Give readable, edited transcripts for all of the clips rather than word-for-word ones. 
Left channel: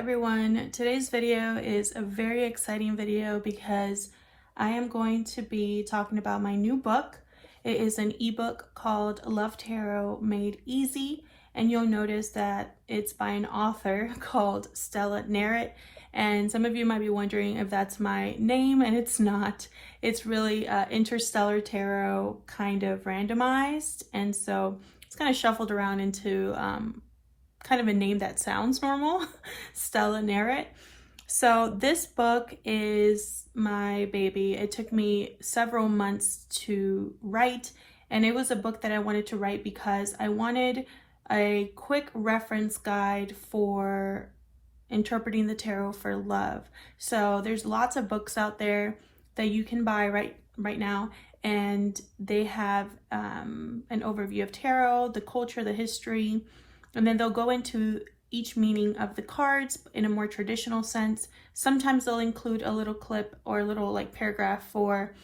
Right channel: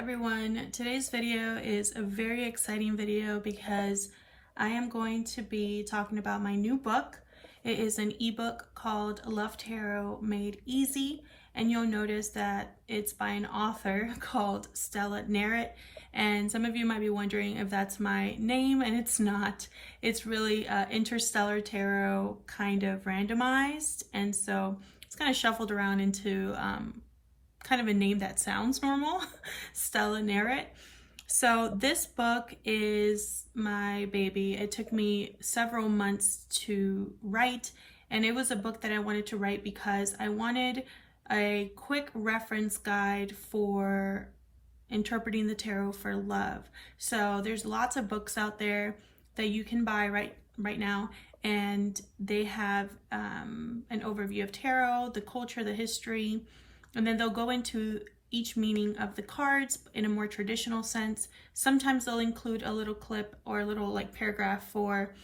everyone. Today's video is a very exciting video because I am going to be talking about my new book. It is an ebook called Love Tarot Made Easy, and you'll notice that it's by an author called Stella Narrett. And some of you might be wondering if that's my name, and it's not. It's really Interstellar Tarot kind of randomized, and so it's kind of shuffled around into kind of a name that sounds normal, Stella Narrett. So this book is my baby. It took me several months to write, and it was a book that I wanted to write because I wanted a quick reference guide for interpreting the tarot for love. So there's lots of books out there that you can buy right now, and they have an overview of tarot, the culture, the history, and then they'll go into each meaning of the cards in a more traditional sense. Sometimes they'll include a little clip or a little paragraph for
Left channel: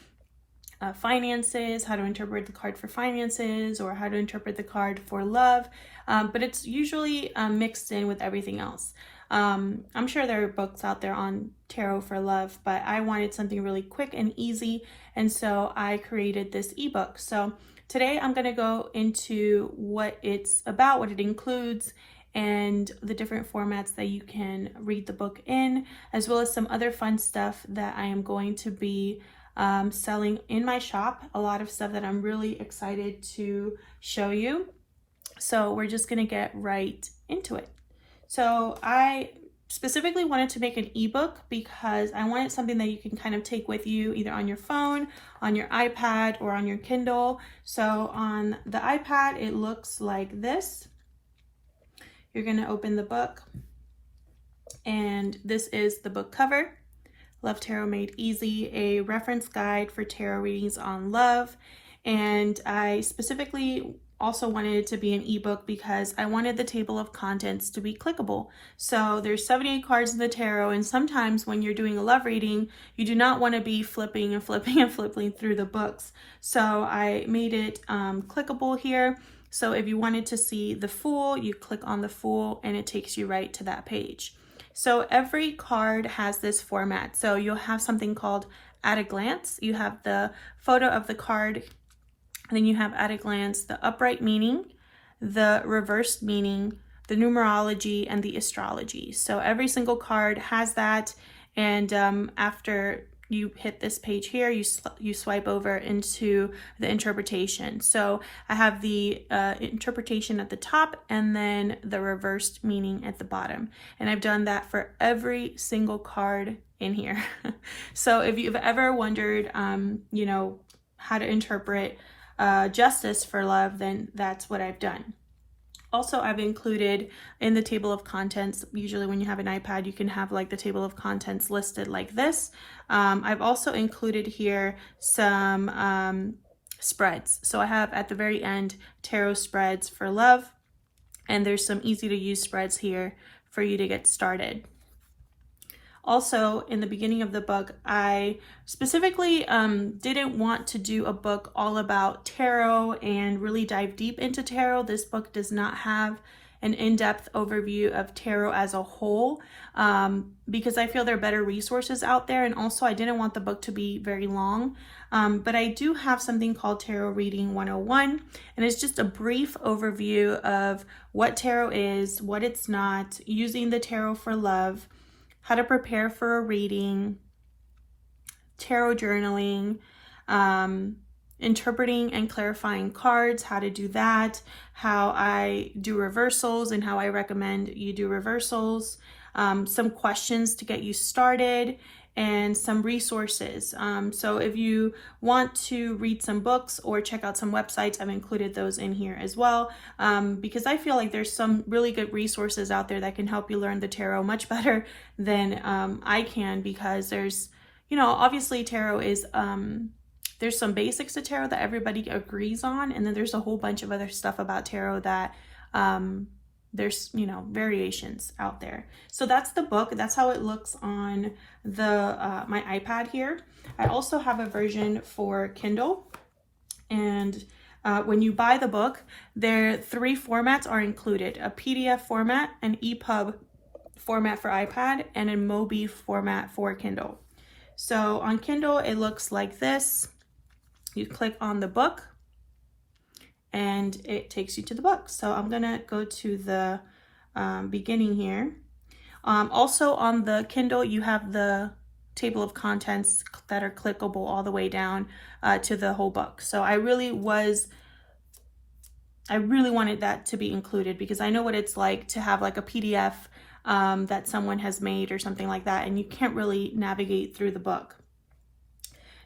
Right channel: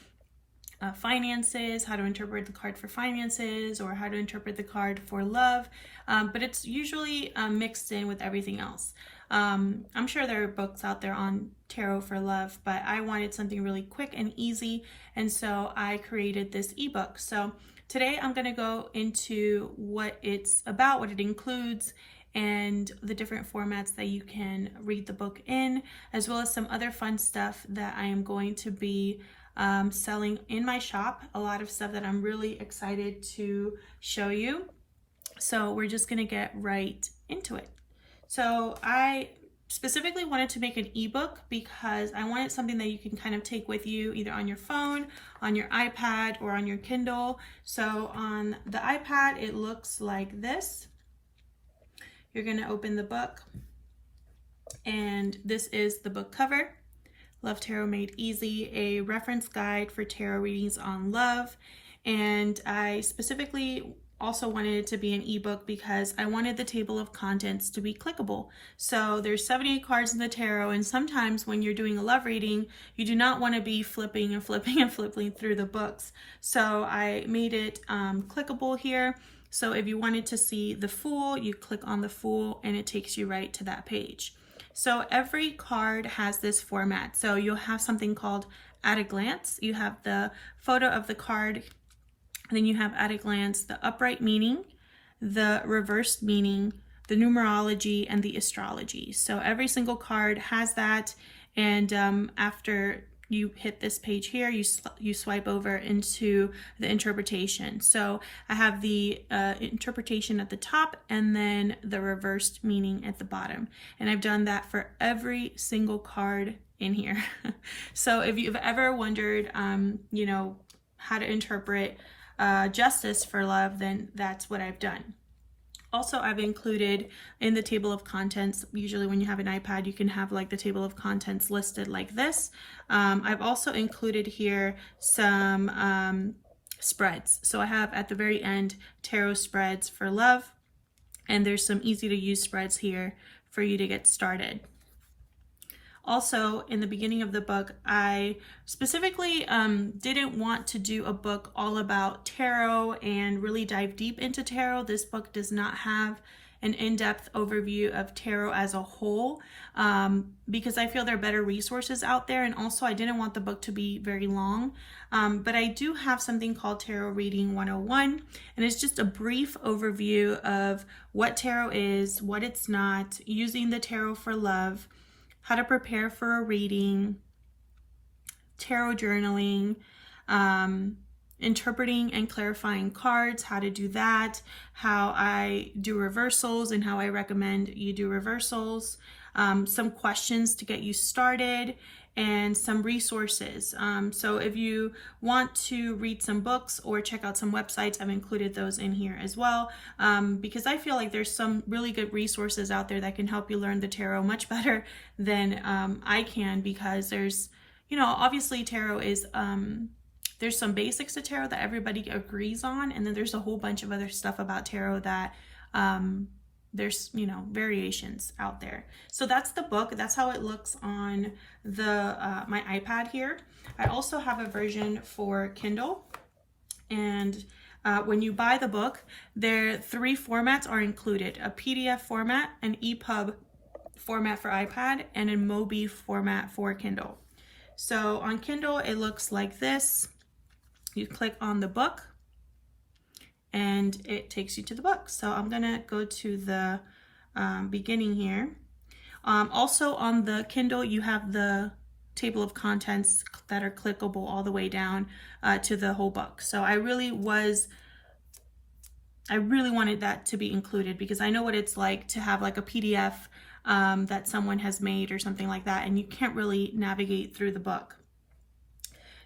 finances, how to interpret the card for finances, or how to interpret the card for love, but it's usually mixed in with everything else. I'm sure there are books out there on tarot for love, but I wanted something really quick and easy, and so I created this ebook. So today I'm going to go into what it's about, what it includes, and the different formats that you can read the book in, as well as some other fun stuff that I am going to be selling in my shop. A lot of stuff that I'm really excited to show you. So we're just going to get right into it. So I specifically wanted to make an ebook because I wanted something that you can kind of take with you either on your phone, on your iPad, or on your Kindle. So on the iPad, it looks like this. You're going to open the book, and this is the book cover. Love Tarot Made Easy, a reference guide for tarot readings on love. And I specifically also wanted it to be an ebook because I wanted the table of contents to be clickable. So there's 78 cards in the tarot, and sometimes when you're doing a love reading, you do not want to be flipping and flipping and flipping through the books. So I made it clickable here. So if you wanted to see the Fool, you click on the Fool and it takes you right to that page. So every card has this format. So you'll have something called At a Glance. You have the photo of the card. Then you have at a glance the upright meaning, the reversed meaning, the numerology, and the astrology. So every single card has that, and after you hit this page here, you swipe over into the interpretation. So I have the interpretation at the top and then the reversed meaning at the bottom. And I've done that for every single card in here. So if you've ever wondered, how to interpret justice for love, then that's what I've done. Also, I've included in the table of contents, usually when you have an iPad, you can have the table of contents listed like this. I've also included here some spreads. So I have at the very end tarot spreads for love, and there's some easy to use spreads here for you to get started. Also, in the beginning of the book, I specifically didn't want to do a book all about tarot and really dive deep into tarot. This book does not have an in-depth overview of tarot as a whole because I feel there are better resources out there, and also I didn't want the book to be very long. But I do have something called Tarot Reading 101, and it's just a brief overview of what tarot is, what it's not, using the tarot for love, how to prepare for a reading, tarot journaling, interpreting and clarifying cards, how to do that, how I do reversals and how I recommend you do reversals, some questions to get you started, and some resources. So if you want to read some books or check out some websites, I've included those in here as well, because I feel like there's some really good resources out there that can help you learn the tarot much better than I can, because there's, obviously tarot is, there's some basics to tarot that everybody agrees on, and then there's a whole bunch of other stuff about tarot that there's variations out there. So that's the book. That's how it looks on the my iPad here. I also have a version for Kindle, and when you buy the book, there 3 formats are included: a PDF format, an ePub format for iPad and a mobi format for Kindle. So on Kindle, it looks like this. You click on the book and it takes you to the book. So I'm gonna go to the beginning here. Also on the Kindle, you have the table of contents that are clickable all the way down to the whole book. So I really wanted that to be included, because I know what it's like to have like a PDF that someone has made or something like that, and you can't really navigate through the book.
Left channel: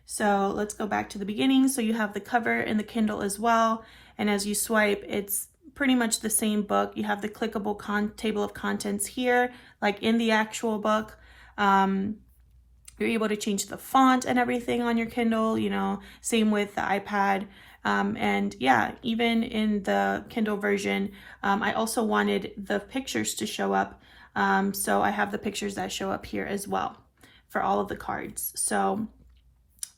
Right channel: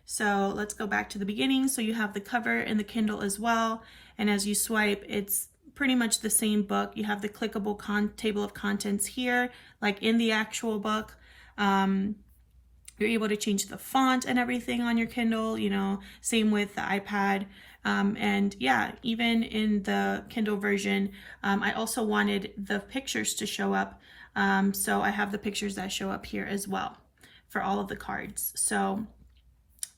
So let's go back to the beginning. So you have the cover in the Kindle as well, and as you swipe, it's pretty much the same book. You have the clickable table of contents here, like in the actual book. You're able to change the font and everything on your Kindle, you know, same with the iPad. And yeah, even in the Kindle version, I also wanted the pictures to show up. So I have the pictures that show up here as well for all of the cards. So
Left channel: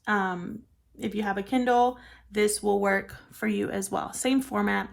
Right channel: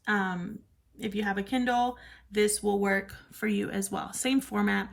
if you have a Kindle, this will work for you as well. Same format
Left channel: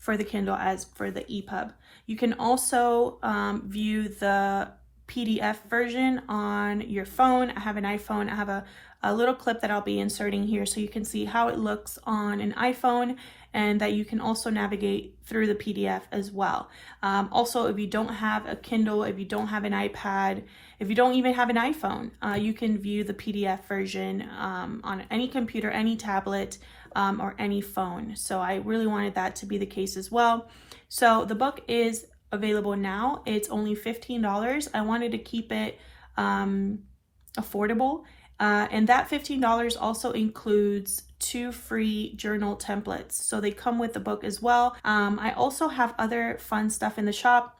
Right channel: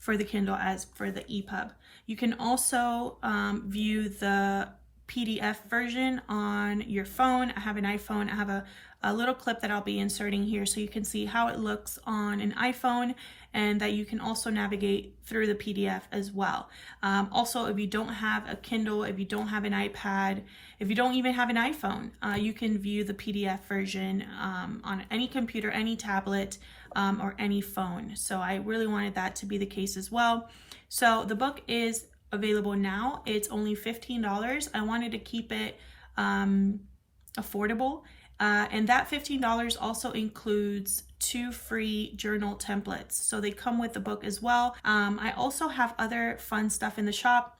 for the Kindle as for the ePub. You can also view the PDF version on your phone. I have an iPhone. I have a little clip that I'll be inserting here so you can see how it looks on an iPhone, and that you can also navigate through the PDF as well. Also, if you don't have a Kindle, if you don't have an iPad, if you don't even have an iPhone, you can view the PDF version on any computer, any tablet, or any phone. So I really wanted that to be the case as well. So the book is available now. It's only $15. I wanted to keep it affordable. And that $15 also includes 2 free journal templates. So they come with the book as well. I also have other fun stuff in the shop.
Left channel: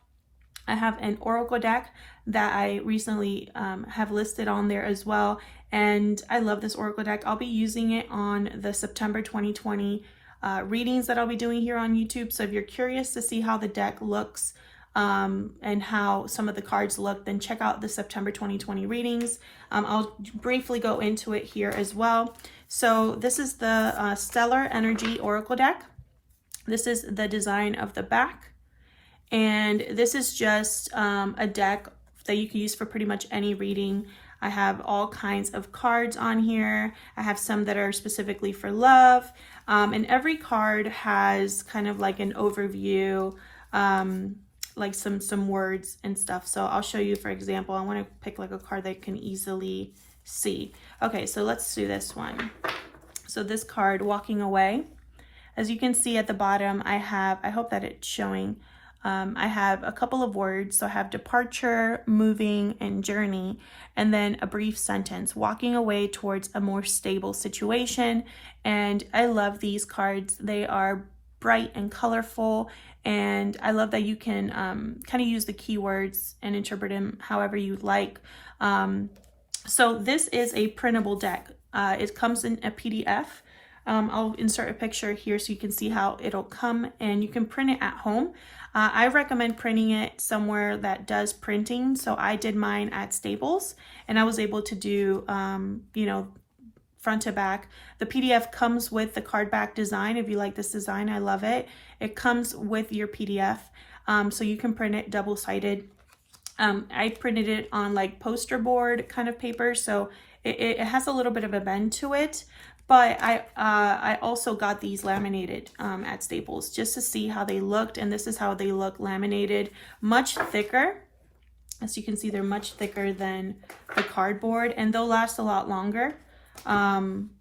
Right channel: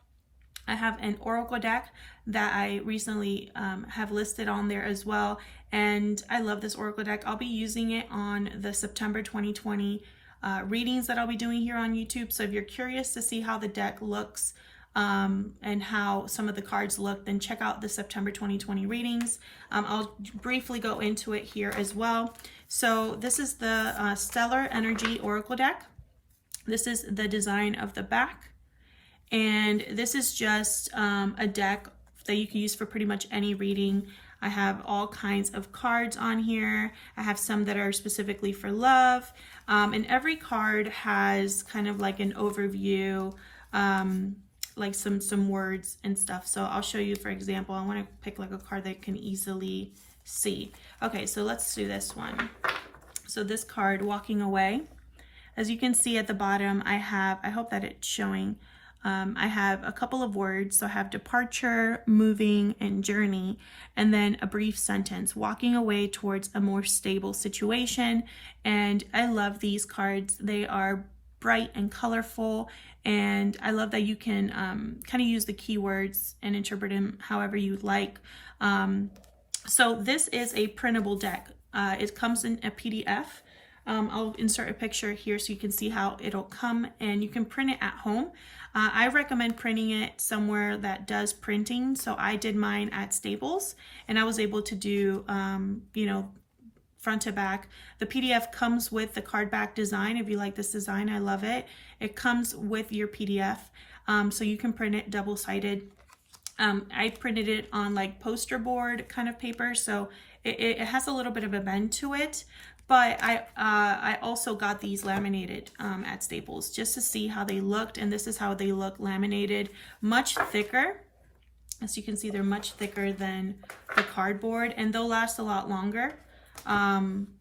I have an oracle deck that I recently have listed on there as well. And I love this oracle deck. I'll be using it on the September 2020 readings that I'll be doing here on YouTube. So if you're curious to see how the deck looks and how some of the cards look, then check out the September 2020 readings. I'll briefly go into it here as well. So this is the Stellar Energy Oracle deck. This is the design of the back. And this is just a deck that you can use for pretty much any reading. I have all kinds of cards on here. I have some that are specifically for love. And every card has kind of like an overview, like some words and stuff. So I'll show you, for example, I want to pick like a card that you can easily see. Okay, so let's do this one. So this card, Walking Away. As you can see at the bottom, I hope that it's showing, I have a couple of words. So I have departure, moving, and journey, and then a brief sentence, walking away towards a more stable situation. And I love these cards. They are bright and colorful, and I love that you can kind of use the keywords and interpret them however you like. So this is a printable deck. It comes in a PDF. I'll insert a picture here so you can see how it'll come, and you can print it at home. I recommend printing it somewhere that does printing. So I did mine at Staples, and I was able to do, you know, front to back. The PDF comes with the card back design. If you like this design, I love it. It comes with your PDF, so you can print it double-sided. I printed it on like poster board kind of paper, so it has a little bit of a bend to it. But I also got these laminated at Staples just to see how they looked, and this is how they look laminated, much thicker. As you can see, they're much thicker than the cardboard, and they'll last a lot longer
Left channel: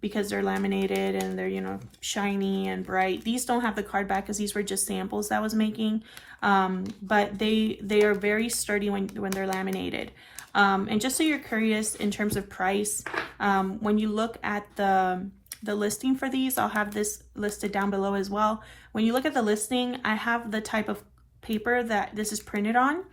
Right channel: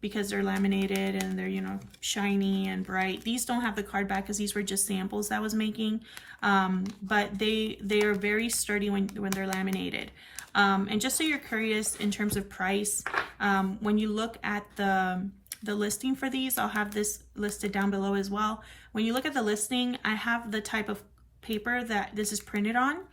because they're laminated and they're, you know, shiny and bright. These don't have the card back because these were just samples that I was making, but they are very sturdy when they're laminated. And just so you're curious in terms of price, when you look at the listing for these, I'll have this listed down below as well. When you look at the listing, I have the type of paper that this is printed on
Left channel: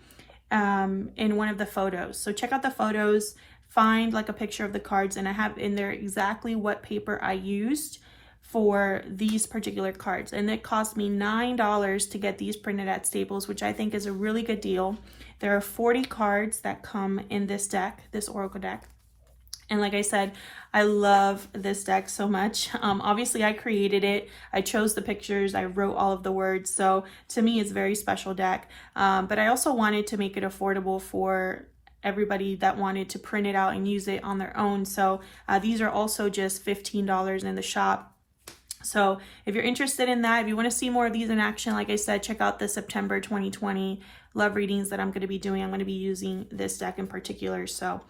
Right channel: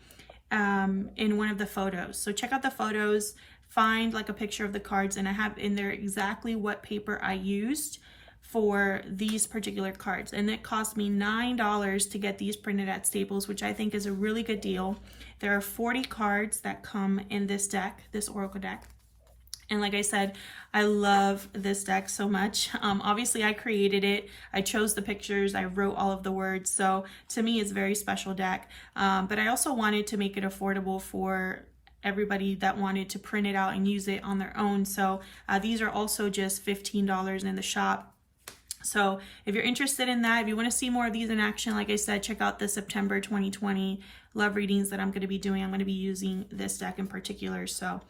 in one of the photos. So check out the photos, find like a picture of the cards, and I have in there exactly what paper I used for these particular cards. And it cost me $9 to get these printed at Staples, which I think is a really good deal. There are 40 cards that come in this deck, this oracle deck. And like I said, I love this deck so much. Obviously I created it. I chose the pictures. I wrote all of the words. So to me, it's a very special deck. But I also wanted to make it affordable for everybody that wanted to print it out and use it on their own. So these are also just $15 in the shop. So if you're interested in that, if you want to see more of these in action, like I said, check out the September 2020 love readings that I'm going to be doing. I'm going to be using this deck in particular. So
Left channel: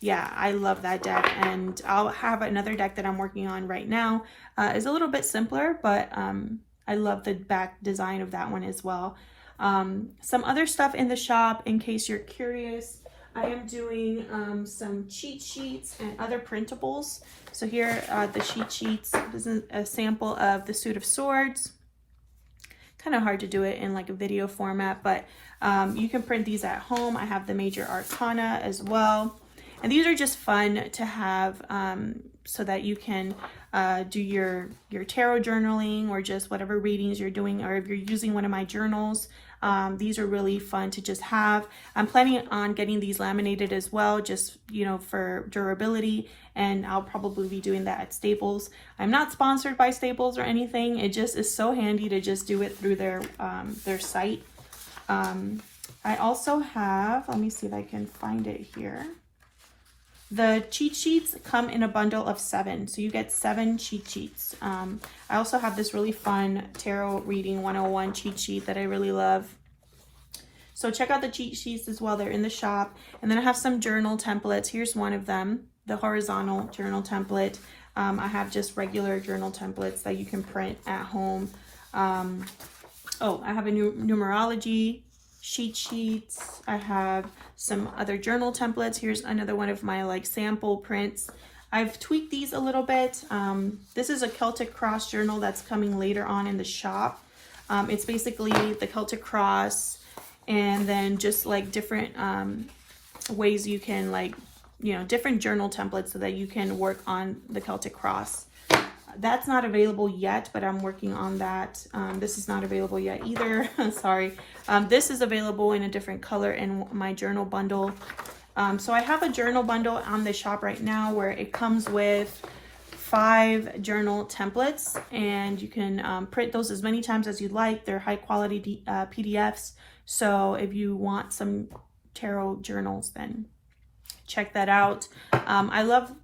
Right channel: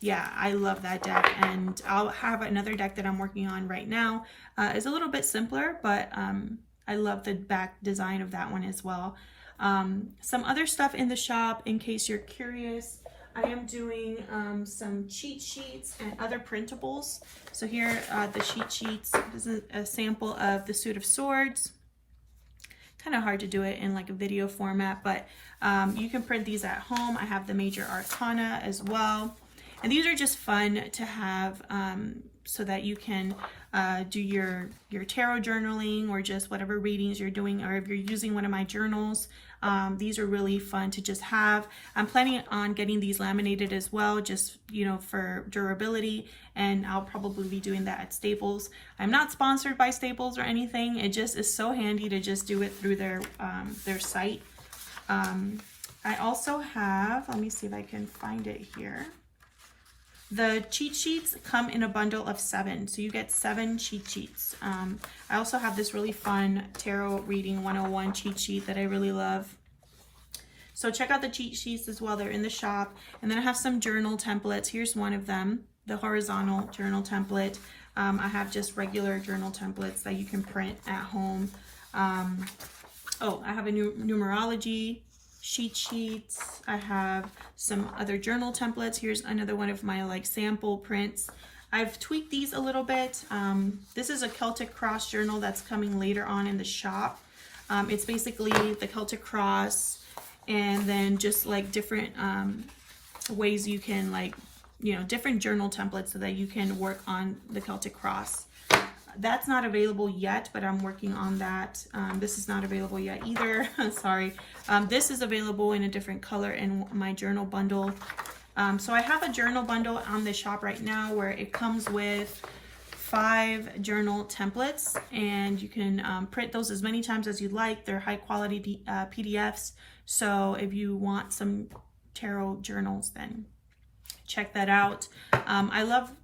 yeah, I love that deck. And I'll have another deck that I'm working on right now. It's a little bit simpler, but I love the back design of that one as well. Some other stuff in the shop, in case you're curious, I am doing some cheat sheets and other printables. So here are the cheat sheets. This is a sample of the Suit of Swords. Kind of hard to do it in like a video format, but you can print these at home. I have the Major Arcana as well. And these are just fun to have so that you can do your tarot journaling or just whatever readings you're doing, or if you're using one of my journals. These are really fun to just have. I'm planning on getting these laminated as well, just, you know, for durability, and I'll probably be doing that at Staples. I'm not sponsored by Staples or anything. It just is so handy to just do it through their site. I also have, let me see if I can find it here. The cheat sheets come in a bundle of 7, so you get 7 cheat sheets. I also have this really fun Tarot Reading 101 cheat sheet that I really love. So check out the cheat sheets as well. They're in the shop. And then I have some journal templates. Here's one of them, the horizontal journal template. I have just regular journal templates that you can print at home. Oh, I have a numerology cheat sheets. I have some other journal templates. Here's another one of my like sample prints. I've tweaked these a little bit. This is a Celtic Cross journal that's coming later on in the shop. It's basically the Celtic Cross, and then just like different ways you can, like, you know, different journal templates so that you can work on the Celtic Cross. That's not available yet, but I'm working on that. This is not available yet either. Sorry. This is available in a different color in my journal bundle. So I have a journal bundle on the shop right now where it comes with 5 journal templates, and you can print those as many times as you'd like. They're high quality PDFs. So if you want some tarot journals, then check that out. I love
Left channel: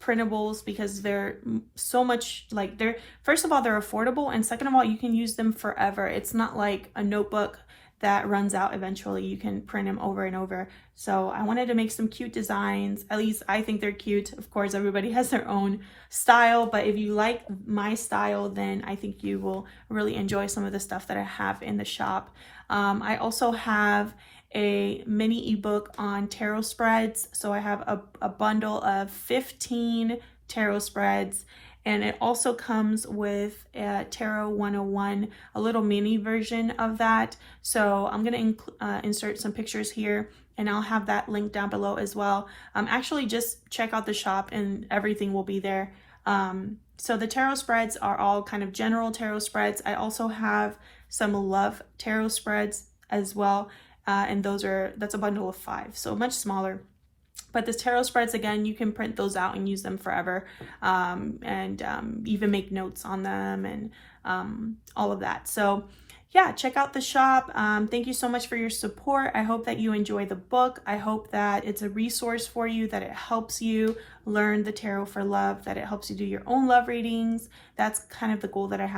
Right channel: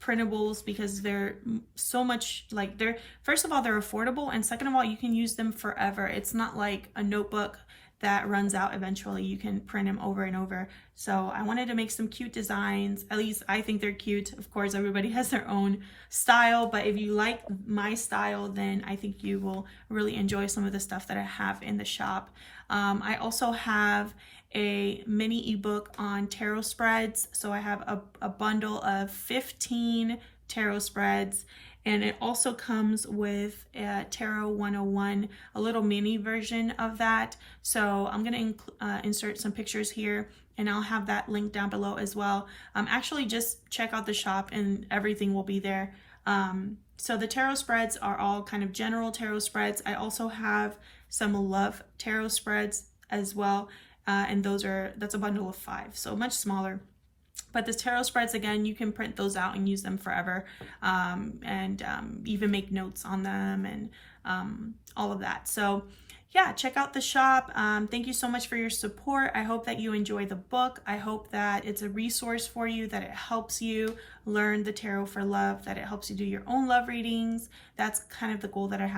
printables because they're so much, like, they're, first of all, they're affordable, and second of all, you can use them forever. It's not like a notebook that runs out eventually. You can print them over and over. So I wanted to make some cute designs. At least I think they're cute. Of course, everybody has their own style, but if you like my style, then I think you will really enjoy some of the stuff that I have in the shop. I also have a mini ebook on tarot spreads. So I have a bundle of 15 tarot spreads, and it also comes with a Tarot 101, a little mini version of that. So I'm going to insert some pictures here, and I'll have that link down below as well. Actually, just check out the shop and everything will be there. So the tarot spreads are all kind of general tarot spreads. I also have some love tarot spreads as well. And that's a bundle of 5, so much smaller. But the tarot spreads, again, you can print those out and use them forever, and even make notes on them, and all of that. So yeah, check out the shop. Thank you so much for your support. I hope that you enjoy the book. I hope that it's a resource for you, that it helps you learn the tarot for love, that it helps you do your own love readings. That's kind of the goal that I have